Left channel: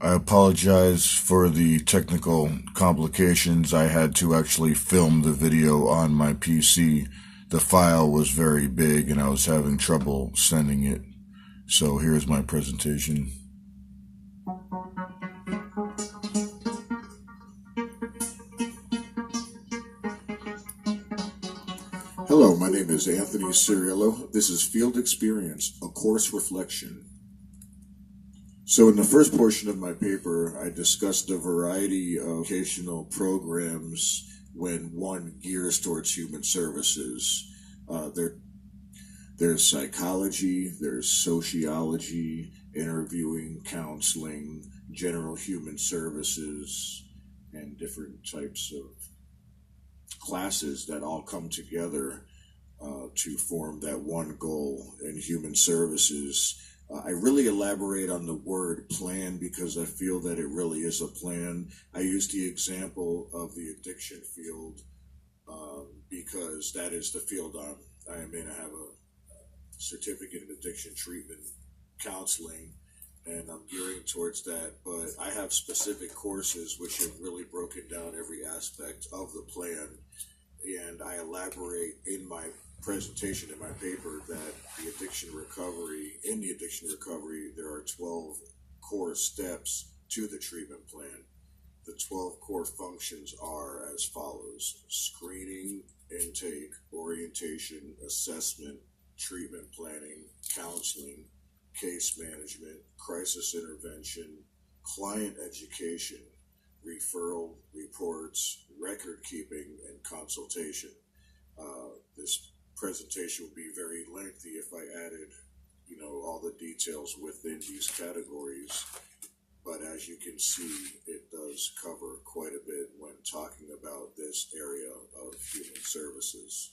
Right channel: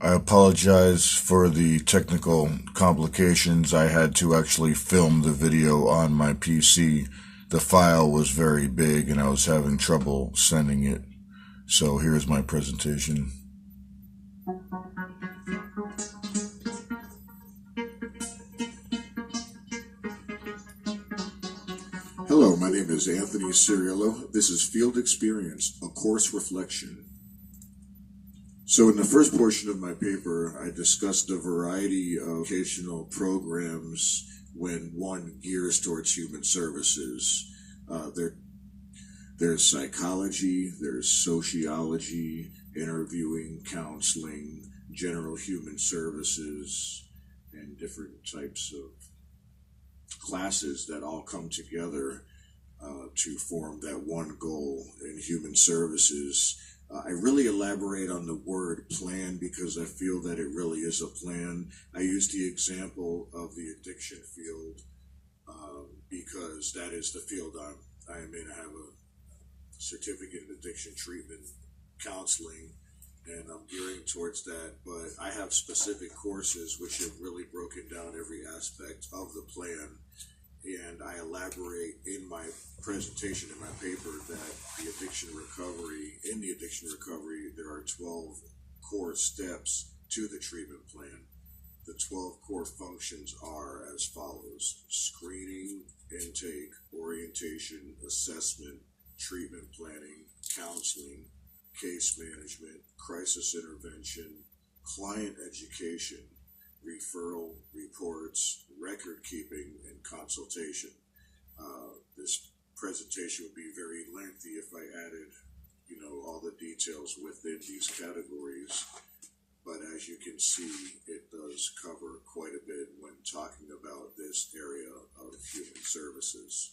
I apologize for the technical complications. I had to actually film the video on my PC. The file was very big and I was having trouble sending it. So here's my presentation. Hello, my name is Anthony Ciriello. This is Field Experience, a course reflection. So in the first portion of my paper, I discussed a variety of educational programs when one gears towards human services. There's psychology, there's sociology, interviewing, counseling, general human services, and different types of classes that all come together to form that one goal in human services. I really elaborate on the word plan because I feel that it really is a plan. I use the example of the addiction field because that is the field I am in. I have a certificate in addiction treatment counseling, and I'm gearing towards that. But I have specific courses which have really broken down every aspect of the plan, and I elaborate in my presentation in my paper that in the addiction recovery, there are 12 core steps to the treatment plan. The 12 core functions are as follows: screening, intake, orientation, assessment, treatment planning, counseling, case management, crisis intervention, client education, referral, reports, record keeping, and consultation. This presentation would be very lengthy if I added, all the details within these categories. But as you can see, it does cover quite a bit when talking about this area of human services.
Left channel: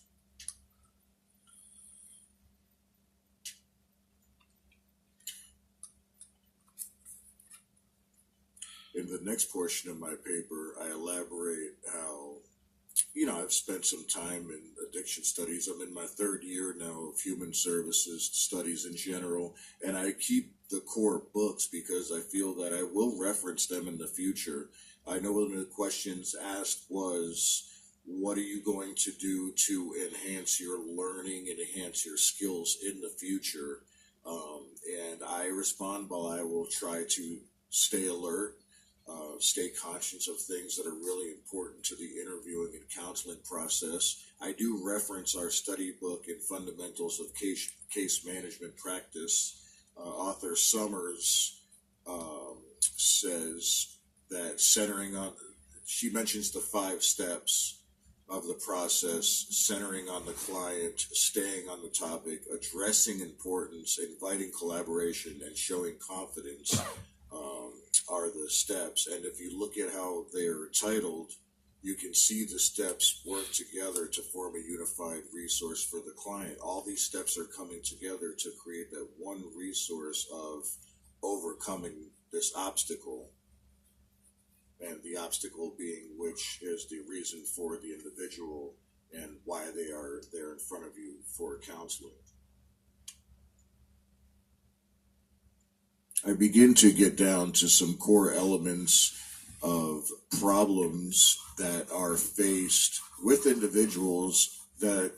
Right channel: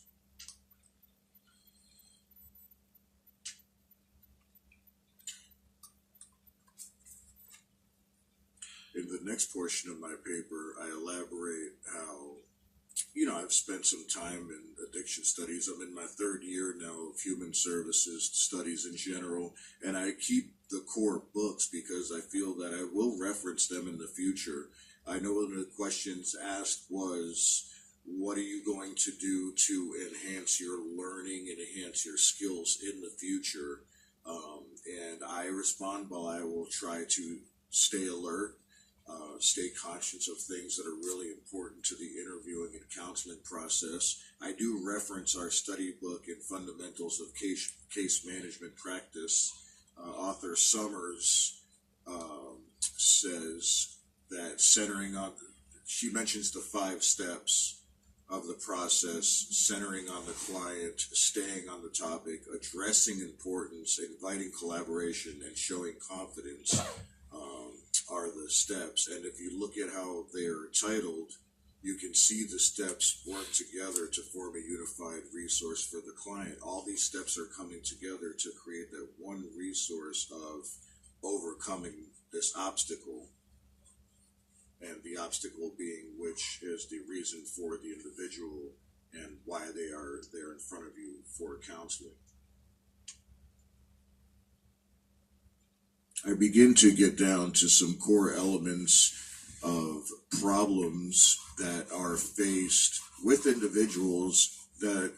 In the next portion of my paper, I elaborate how, I've spent some time in addiction studies. I'm in my third year now of human services studies in general, and I keep the core books because I feel that I will reference them in the future. I know one of the questions asked was, what are you going to do to enhance your learning and enhance your skills in the future? And I respond, well, I will try to stay alert, stay conscious of things that are really important to the interviewing and counseling process. I do reference our study book in Fundamentals of Case Management Practice. Author Summers says that she mentions the 5 steps of the process: centering on the client, staying on the topic, addressing importance, inviting collaboration, and showing confidence. Are the steps. And if you look at how they're titled, you can see the steps work together to form a unified resource for the client. All these steps are coming together to create that one resource of overcoming this obstacle, and the obstacle being which is the reason for the individual and why they are there in front of you for counseling. I begin to get down to some core elements of problems that are faced with individuals that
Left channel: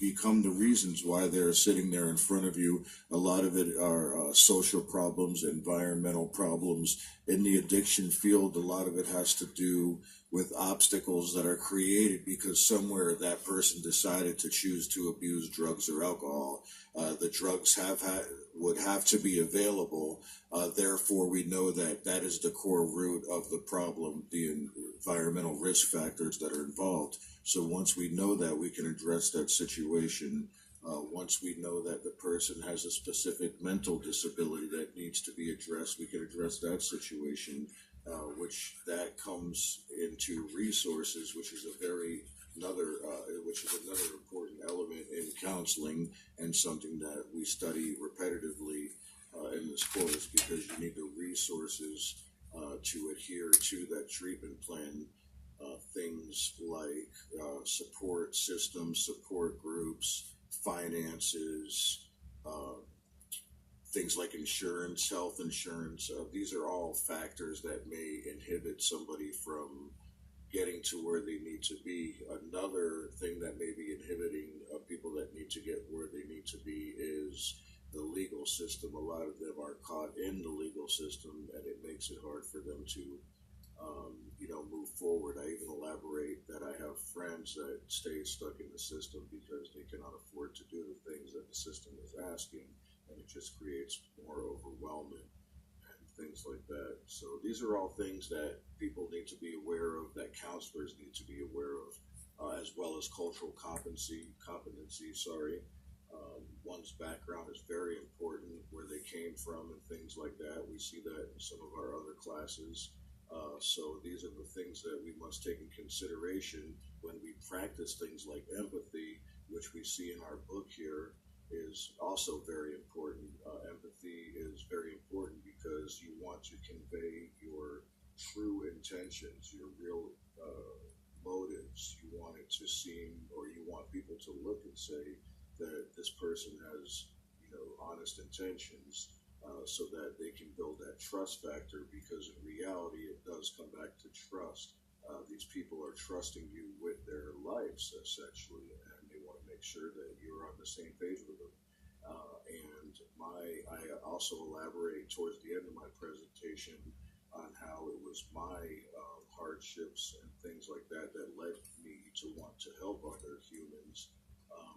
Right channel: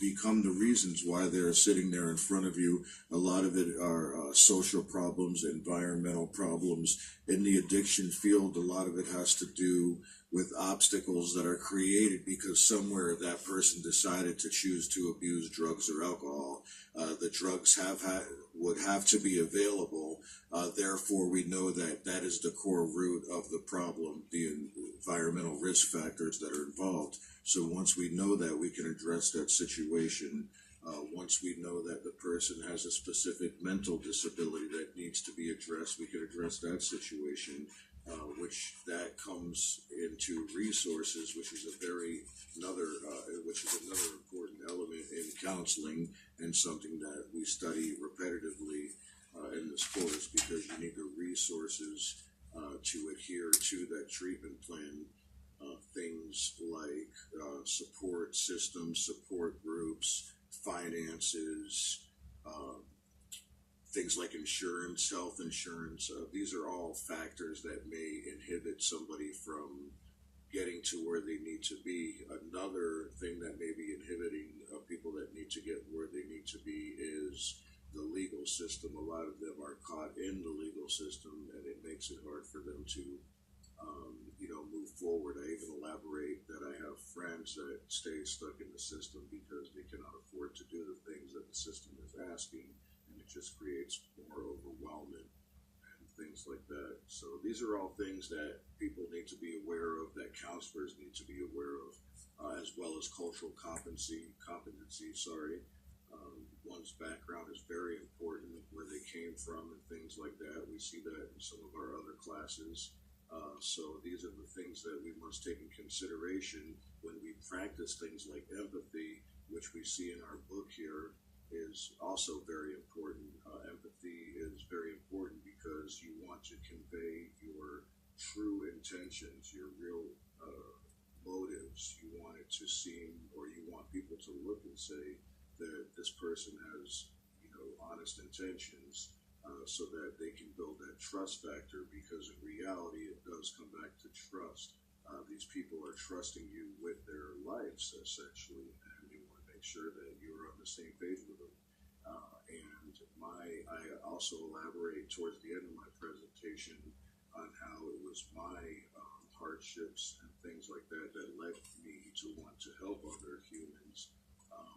become the reasons why they're sitting there in front of you. A lot of it are social problems, environmental problems. In the addiction field, a lot of it has to do with obstacles that are created because somewhere that person decided to choose to abuse drugs or alcohol. The drugs would have to be available. Therefore, we know that that is the core root of the problem, the environmental risk factors that are involved. So once we know that, we can address that situation. Once we know that the person has a specific mental disability that needs to be addressed, we can address that situation, which that comes into resources, which is another important element in counseling, and something that we study repetitively in this course, because you need the resources to adhere to that treatment plan. Things like support systems, support groups, finances, things like insurance, health insurance. These are all factors that may inhibit somebody from getting to where they need to be. Another thing that may be inhibiting people that need to get where they need to be is the legal system. A lot of them are caught in the legal system, and it makes it hard for them to, move forward. I even elaborate that I have friends that stay stuck in the system because they cannot afford to do the things that the system is asking, and it just creates more overwhelming and things like that. So these are all things that people need to be aware of, that counselors need to be aware of, as well as cultural competency. One's background is very important, where they came from and things like that. We see that in some of our other classes. So these are the things that we must take in consideration when we practice things like empathy, which we see in our book here, is also very important. Empathy is very important because you want to convey your true intentions, your real motives. You want it to seem, or you want people to look and say that this person has, honest intentions, so that they can build that trust factor, because in reality, it does come back to trust. These people are trusting you with their lives, essentially, and they want to make sure that you're on the same page with them. I also elaborate towards the end of my presentation on how it was my hardships and things like that that led me to want to help other humans,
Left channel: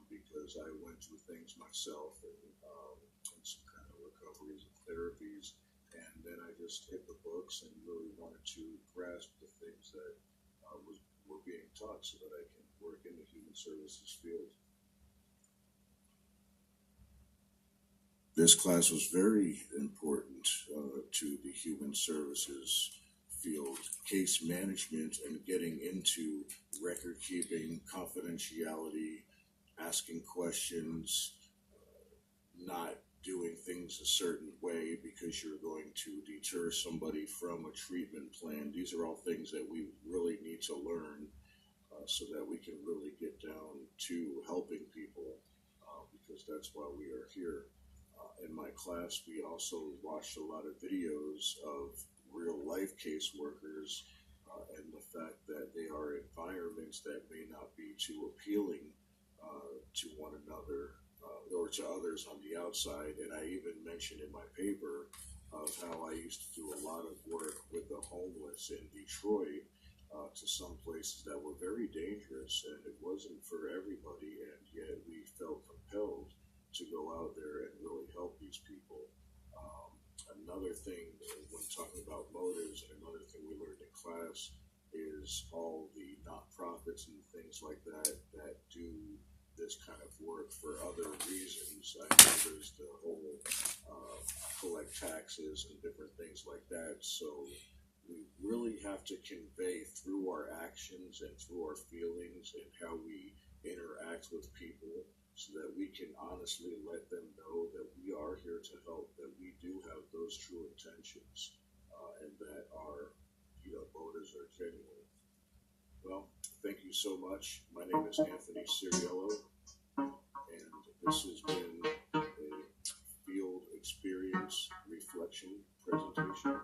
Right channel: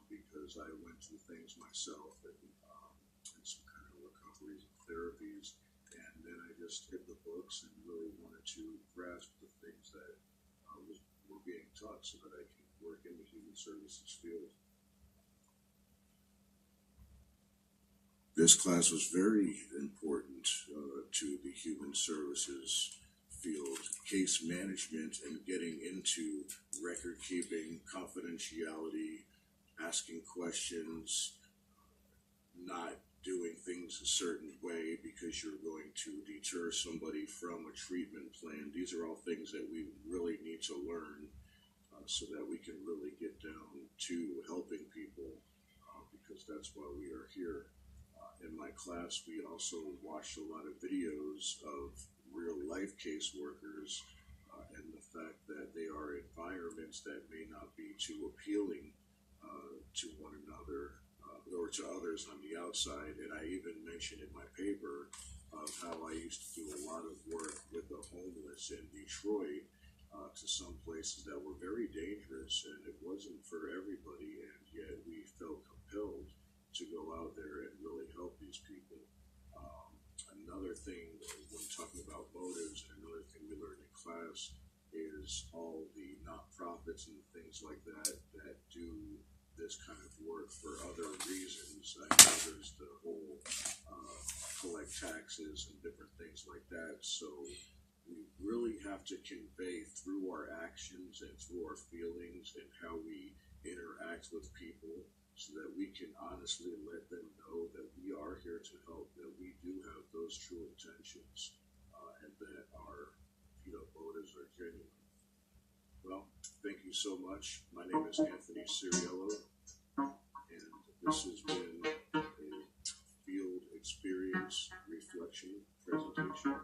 because I went through things myself, and some kind of recoveries and therapies, and then I just hit the books and really wanted to grasp the things that were being taught so that I can work in the human services field. This class was very important to the human services field. Case management and getting into record keeping, confidentiality, asking questions, not doing things a certain way because you're going to deter somebody from a treatment plan. These are all things that we really need to learn, so that we can really get down to helping people, because that's why we are here. In my class, we also watched a lot of videos of real life caseworkers, and the fact that they are environments that may not be too appealing to one another, or to others on the outside. And I even mentioned in my paper of how I used to do a lot of work with the homeless in Detroit, to some places that were very dangerous, and it wasn't for everybody, and yet we felt compelled to go out there and really help these people. Another thing, when talking about motives, and another thing we learned in class, is all the nonprofits and things like that that do this kind of work for other reasons. I know there's the whole collect taxes and different things like that. So we really have to convey through our actions and through our feelings and how we interact with people, so that we can honestly let them know that we are here to help, that we do have those true intentions, and that our motives are genuine. Well, thank you so much. My name is Anthony Ciriello, and this has been a field experience reflection presentation.